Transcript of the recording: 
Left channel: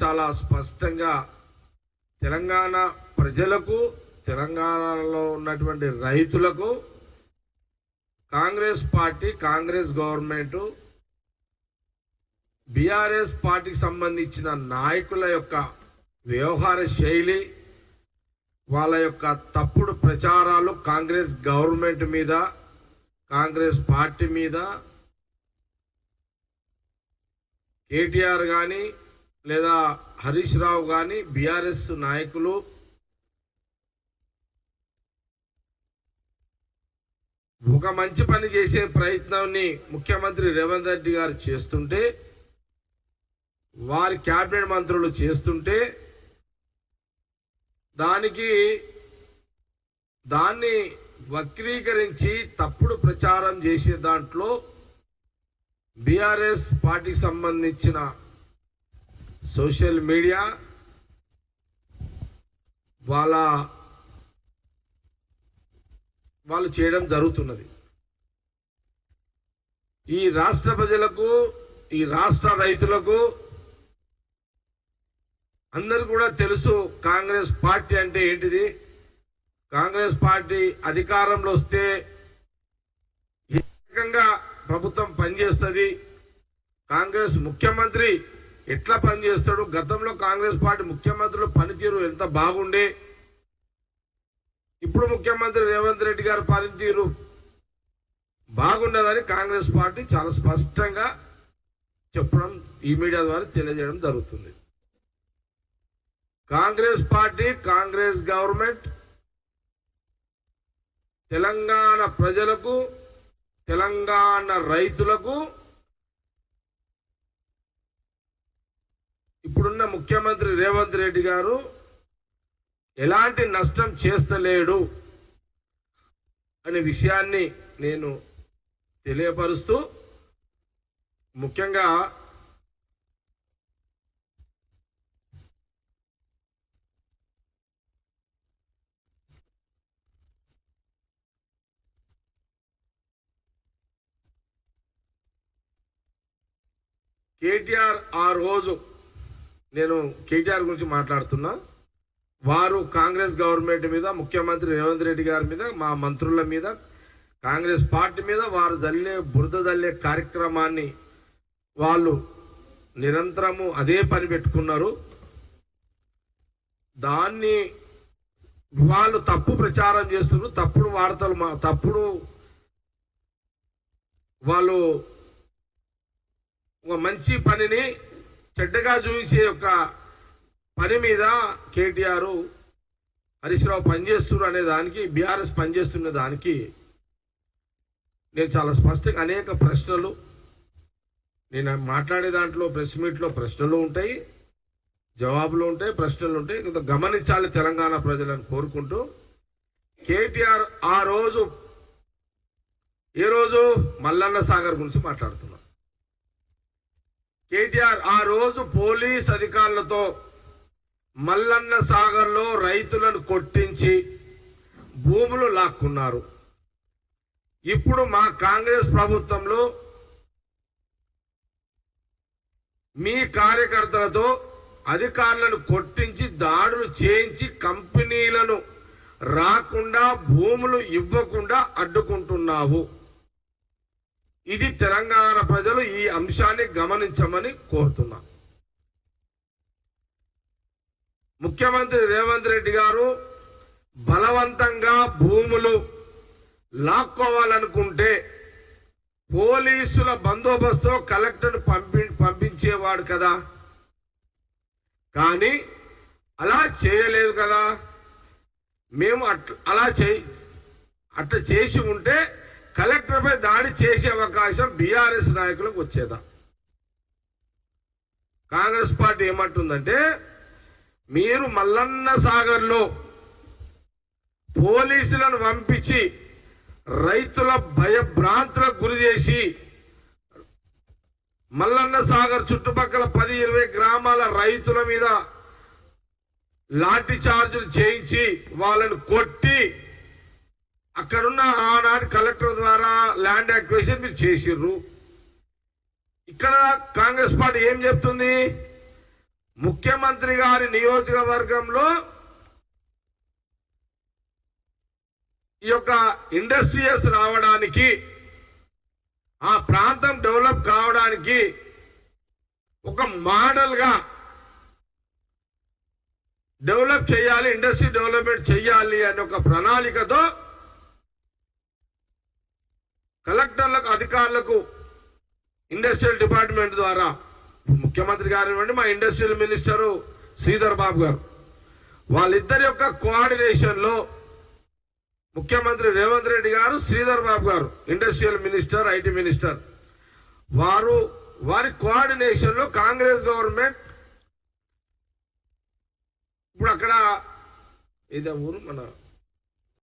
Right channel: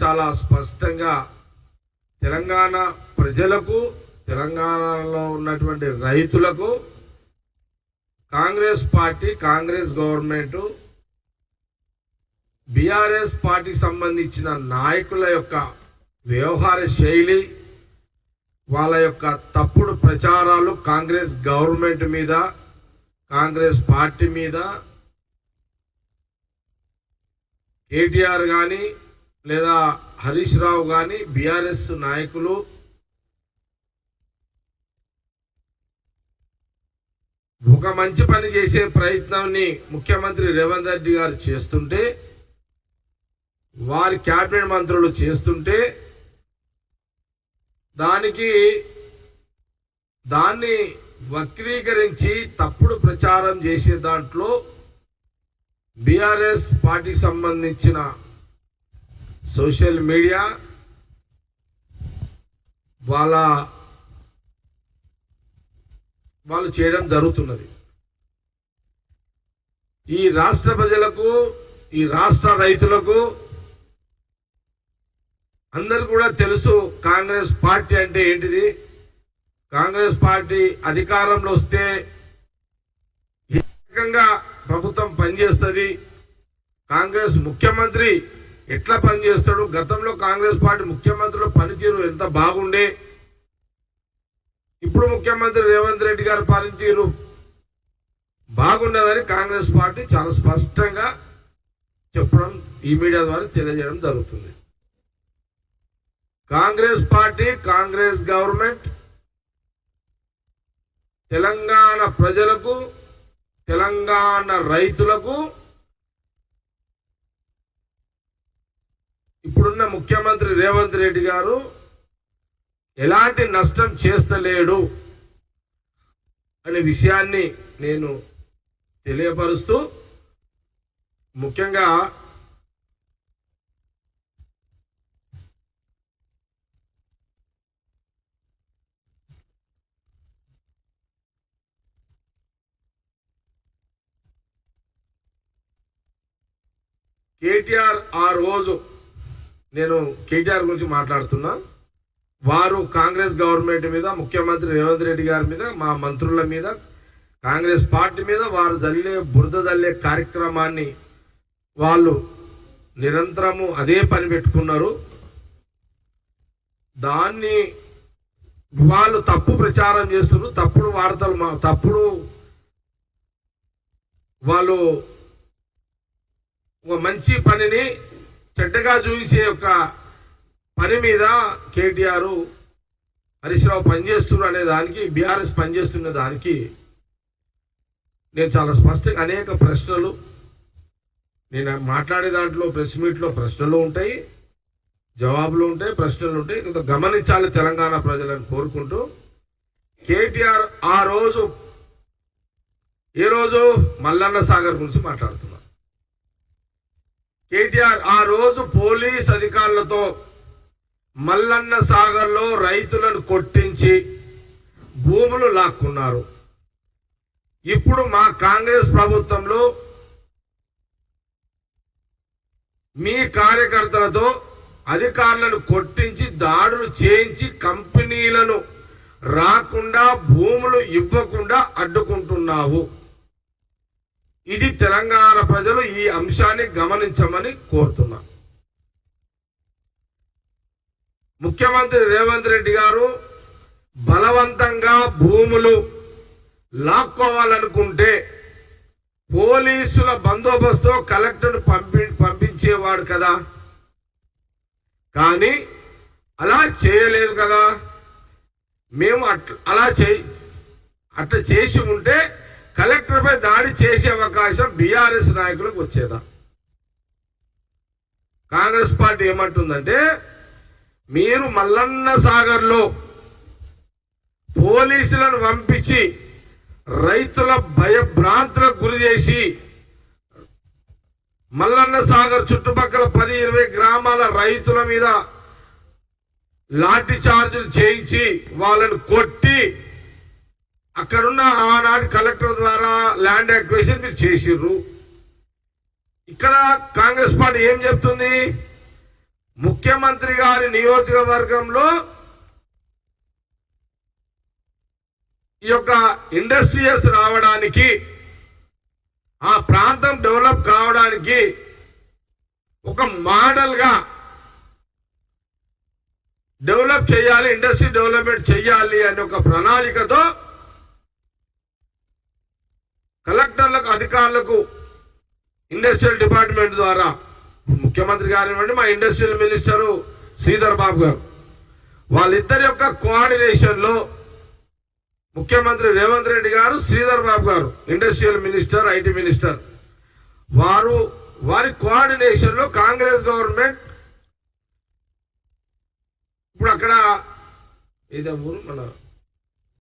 చాలా స్పష్టంగా తెలంగాణ ప్రజలకు, తెలంగాణలో ఉన్నటువంటి రైతులకు Congress party, Congress government, BRS పార్టీకి సంబంధించిన నాయకుల యొక్క వ్యవహార శైలి, వాళ్ళ యొక్క తప్పుడు ప్రచారాలు కాంగ్రెస్ గవర్నమెంట్ మీద, కాంగ్రెస్ పార్టీ మీద, కేటీఆర్ కానీ లేదా హరీష్ రావు కానీ బీఆర్ఎస్ నాయకులు ఒక మంచి పని చేసే ప్రయత్నాన్ని ముఖ్యమంత్రి రేవంత్ రెడ్డి గారు చేస్తుంటే, వారి క్యాబినెట్ మంత్రులు చేస్తుంటే దాన్ని వక్రీకరించి తప్పుడు ప్రచారం చేసే దాంట్లో బీఆర్ఎస్ పార్టీకి సంబంధించిన సోషల్ మీడియా వాళ్ళు చేయడం జరుగుతున్నది. ఈ రాష్ట్ర ప్రజలకు, ఈ రాష్ట్ర రైతులకు అందరు కూడా తెలుసు కాంగ్రెస్ పార్టీ అంటే ఏంటిది. కాంగ్రెస్ పార్టీ అధికారంలో వస్తే ఏ రకంగా ప్రభుత్వం పనిచేస్తుంది, కాంగ్రెస్ ముఖ్యమంత్రి ఎట్లా పనిచేస్తాడు, గతంలో కాంగ్రెస్ పార్టీ ముఖ్యమంత్రుల పనితీరు ఎంత బాగుండే, ఇప్పుడు ముఖ్యమంత్రి రేవంత్ రెడ్డి గారి పనితీరు బాగుండదని కాంగ్రెస్ పార్టీ చాలా స్పష్టంగా చెప్పడం, ఈ మీడియా ద్వారా తెలియజేయడం జరుగుతుంది. కాంగ్రెస్ పార్టీ, కాంగ్రెస్ గవర్నమెంట్ తెలంగాణ ప్రజలకు, తెలంగాణ రైతులకు ఇప్పుడున్న ముఖ్యమంత్రి రేవంత్ రెడ్డి గారు ఎలాంటి నష్టం చేస్తలేడు అనే విషయాన్ని నేను తెలియపరుస్తూ, ముఖ్యంగా కేటీఆర్ ఆ రోజు, నేను కేటీఆర్ గురించి మాట్లాడుతున్నా, వారు కాంగ్రెస్ గవర్నమెంట్ మీద, ముఖ్యమంత్రి రేవంత్ రెడ్డి గారి మీద, మా మంత్రుల మీద, కాంగ్రెస్ పార్టీ మీద వారు బురద జల్లే కార్యక్రమాన్ని వాళ్ళు నిరంతరము అదే పని పెట్టుకున్నారు. దాన్ని వాళ్ళు తప్పు ప్రచారం చేస్తున్నారు, తప్పుడు వార్తలు, తప్పుడు వాళ్ళు ఒక మంచి పనిని చెడ్డగా చూపించే ఒక పని మీద కేటీఆర్, హరీష్ రావు పనిచేస్తున్నారు అనే దానికి, బీఆర్ఎస్ పనిచేస్తున్న దానికి నేను చాలా స్పష్టంగా అనేక ప్రశ్నలు, నేను మాట్లాడే దాంట్లో ప్రెస్ మీట్లో ప్రశ్నలు ఉంటాయి, జవాబులు ఉంటాయి, ప్రశ్నలు ఉంటాయి. కొంత గమనించాలి తెలంగాణ ప్రజలను కోరుకుంటూ, కేటీఆర్ ఆ రోజు, ఏ రోజు మల్లన్న సాగర్ గురించి మాట్లాడుతున్నారు. కేటీఆర్ ఆ రోజు పోలీస్ అధికారులతో మల్లన్న సాగర్లో రైతులను కొట్టించి భూములు లాక్కున్నారు. ఇప్పుడు మా కాంగ్రెస్ ప్రభుత్వంలో మీ కార్యకర్తలతో అధికారులను కొట్టించి దాడులు చేయించి కంపెనీలను రాకుండా, భూములు ఇవ్వకుండా అడ్డుకుంటున్నావు. ఇది తెలంగాణ ప్రజలు ఈ అంశాన్ని గమనించమని కోరుతున్నా. ముఖ్యమంత్రి రేవంత్ రెడ్డి గారు బలవంతంగా భూములు లాక్కోవాలనుకుంటే పోలీసుల బందోబస్తు కలెక్టర్ను పంపించేవాడు కదా, కానీ అలా చేయలేదు కదా. మేము అట్లా చేసి ఉంటే కలెక్టర్పై దాడి చేసే అవకాశం బీఆర్ఎస్ నాయకులకు వచ్చేదా. కాంగ్రెస్ పార్టీ ఏమంటుందంటే, మీరు మల్లన్న సాగర్లో పోలీసులను పంపించి రైతుల భయభ్రాంతులకు గురి చేసి మల్లన్న సాగర్ చుట్టుపక్కల 10-20 గ్రామాల రైతుల మీద లాఠీ చార్జీలు చేయించి వాళ్ళను కొట్టి అక్కడున్న ఆనాటి కలెక్టర్ ద్వారా ల్యాండ్ అక్విజిషన్ మీరు చేసిర్రు. ఇక్కడ కాంగ్రెస్ పార్టీ ఏం చెప్తుంది, ముఖ్య ముఖ్యమంత్రి గారి నియోజకవర్గంలో ఈ యొక్క ఇండస్ట్రియల్స్ రావడానికి, ఆ ప్రాంతం డెవలప్ కావడానికి ఒక మోడల్గా డెవలప్ చేయాలి, ఇండస్ట్రీ డెవలప్మెంట్ చేయాలి అనే ఒక ప్రణాళికతో కలెక్టర్లకు, అధికారులకు, ఇండస్ట్రియల్ డిపార్ట్మెంట్ ద్వారా ముఖ్యమంత్రి గారు ఇవ్వండి, మా ఇండస్ట్రియల్ మినిస్టరు శ్రీధర్ బాబు గారు, వాళ్ళిద్దరి యొక్క కోఆర్డినేషన్లో ముఖ్యమంత్రి రేవంత్ రెడ్డి గారు, శ్రీధర్ బాబు గారు ఇండస్ట్రియల్ మినిస్టర్, ఐటీ మినిస్టర్, వారి కోఆర్డినేషన్లో కాంగ్రెస్ గవర్నమెంట్ ఇప్పుడు అక్కడ ఇదే ఊరు మన